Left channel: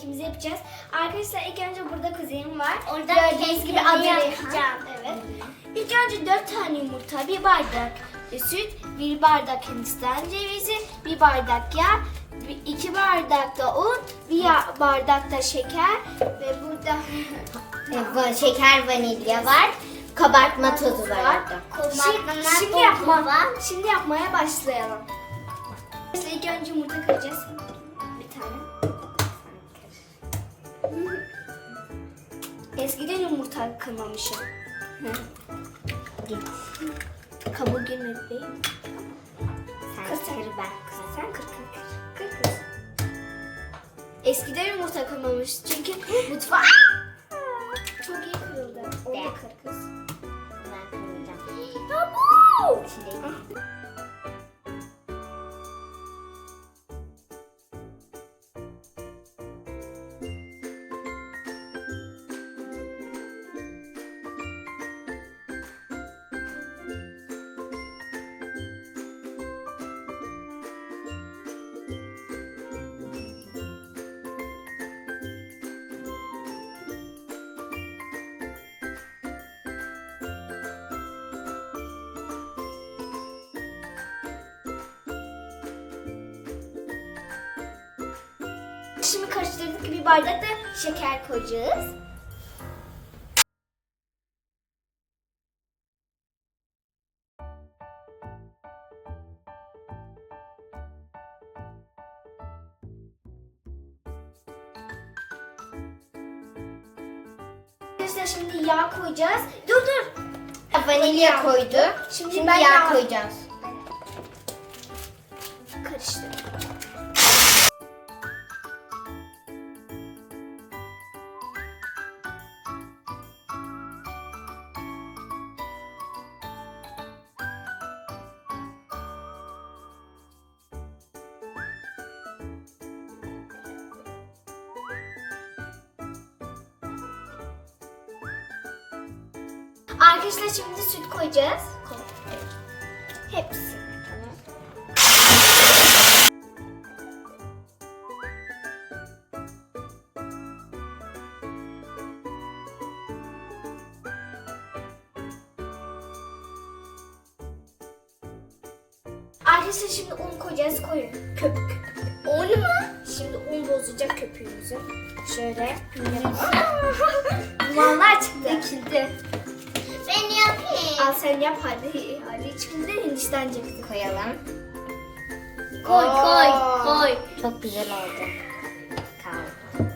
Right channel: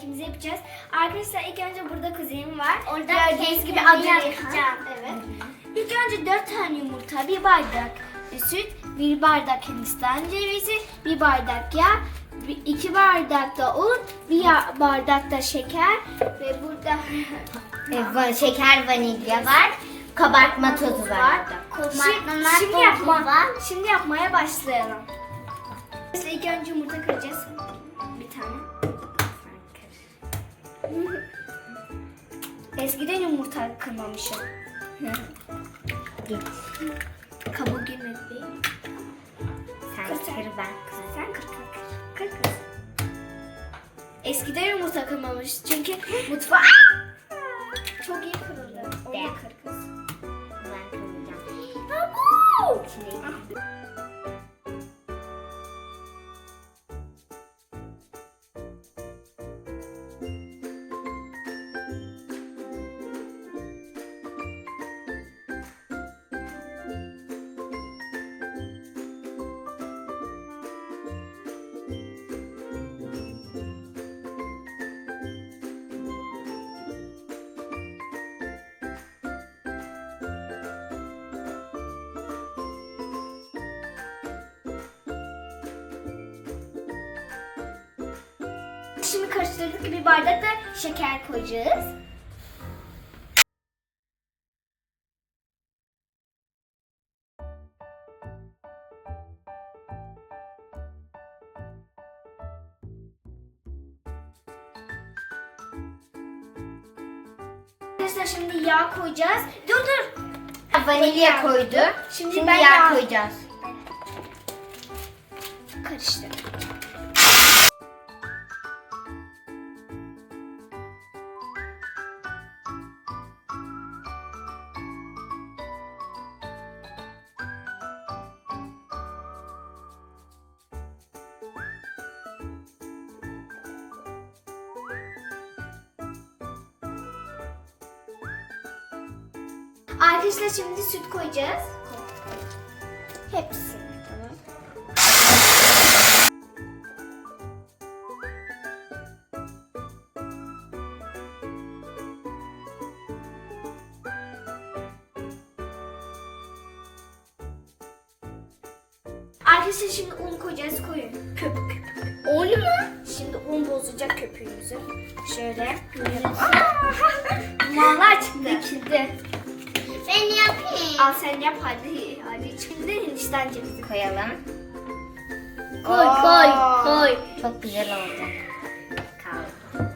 kekimizi yapacağız. Arkadaşlar ilk önce burada kuzenim var. Orada Gördüğünüz gibi adını yapacağım. Evet. İlk önce 4 tane yumurta, bir bardak süt, bir bardak hindistan cevizi, bir bardak yağ, iki bardak da un, bir bardak da şeker ve burada E, şeker vanilya var. Kabartma tozu var. Şimdi, şimdi, yapma, şimdi yapmaya başlayalım. Biz ilk önce yumurta kıracağız. Bir tane. Eskiden yumurta kırmamışım. Kabuğu girmedi değil mi? Sen Kır kır ben. Sen kır kır kır. Kır kır. Eskiden yumurta kırmamış çünkü mutfağı çok iyi kırıldı. Onu da kır kız. Şimdi karıştırdık bir bardak da şeker koyacağız. Arkadaşlar şimdi yağ koyacağız. Dur dur. Vanilya koydu. Şimdi, Şimdi ben yağ yağ koyacağız. Karıştır. Arkadaşlar şimdi süt koyacağız. Hepsi. Arkadaşlar şimdi un koyacağız. Koyun. Köpük köpük. Un mu? Şimdi un bozacak köpüğümüzü. Şöyle. Dumanlar çıktı. Çıktı. Ben yapayım. Al sen yap hadi. Hadi şimdi Hindistan cevizi Koyalım. Koy koy koy. Çok güzel oldu. Kaldı.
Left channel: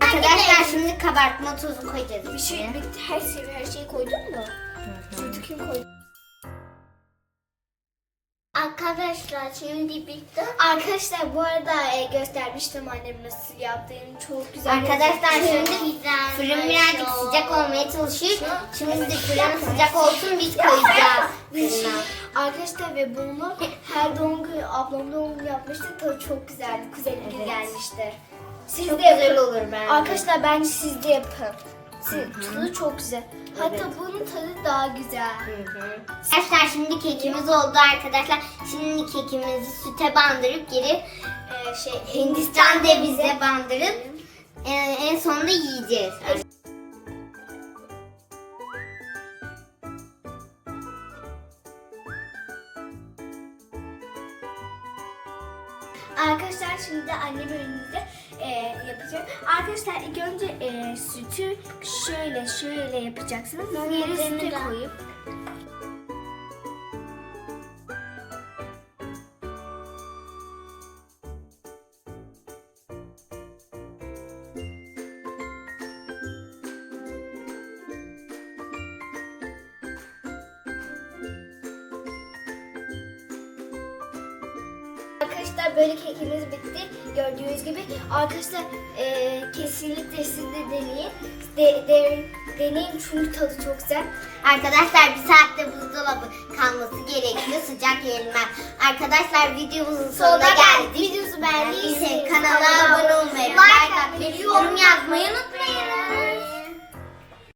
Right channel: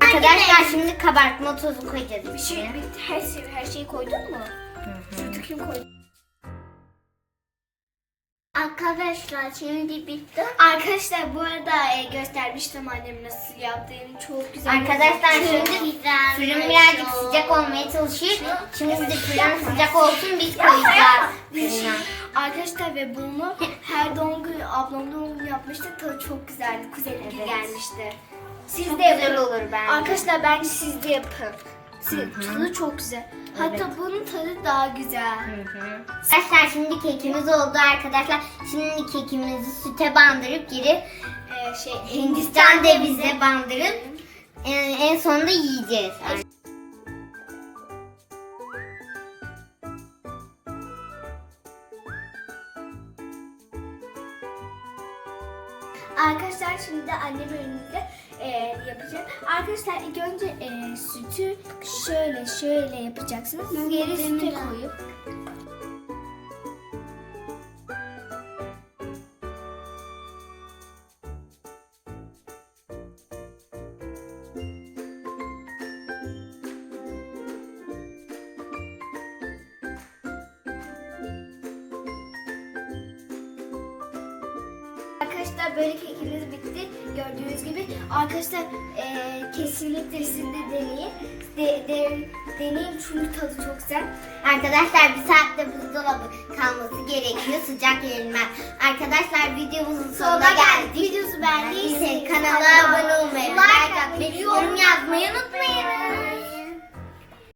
Arkadaşlar şimdi kabartma tozu koyacağız Bir şey, içine. bir, her, şey, her şeyi koydun mu? Sütü kim koydu? Arkadaşlar şimdi bitti. Arkadaşlar bu arada e, göstermiştim annem nasıl yaptığını çok güzel. Arkadaşlar gözüküyor. şimdi fırın birazcık sıcak olmaya çalışıyor. Şimdi de fırın sıcak olsun biz koyacağız fırına. Arkadaşlar ve bunu her doğum günü ablam doğum günü yapmıştı. Tadı çok güzeldi. Kuzenim Evet. gelmişti. Siz Çok de yapın. güzel olur bence. Arkadaşlar bence siz de yapın. Tadı çok güzel. Hatta Evet. bunun tadı daha güzel. Arkadaşlar şimdi kekimiz oldu arkadaşlar. Şimdi kekimizi süte bandırıp geri Ee, şey Hindistan cevize bandırıp e, en sonunda yiyeceğiz. Arkadaşlar şimdi de annem önünde e, yapacak. Arkadaşlar ilk önce e, sütü şöyle şöyle yapacaksınız. Geri sütü koyup. Arkadaşlar böyle kekimiz bitti. Gördüğünüz gibi arkadaşlar e, kesinlikle siz de deneyin. De, de, deneyin çünkü tadı çok güzel. Arkadaşlar bir saatte buzdolabı kalması gerekiyor sıcak yenilmez. Arkadaşlar videomuzun sonuna geldik. Videosu beğendiyseniz Kanala abone olmayı, like atmayı, yorum yazmayı unutmayın.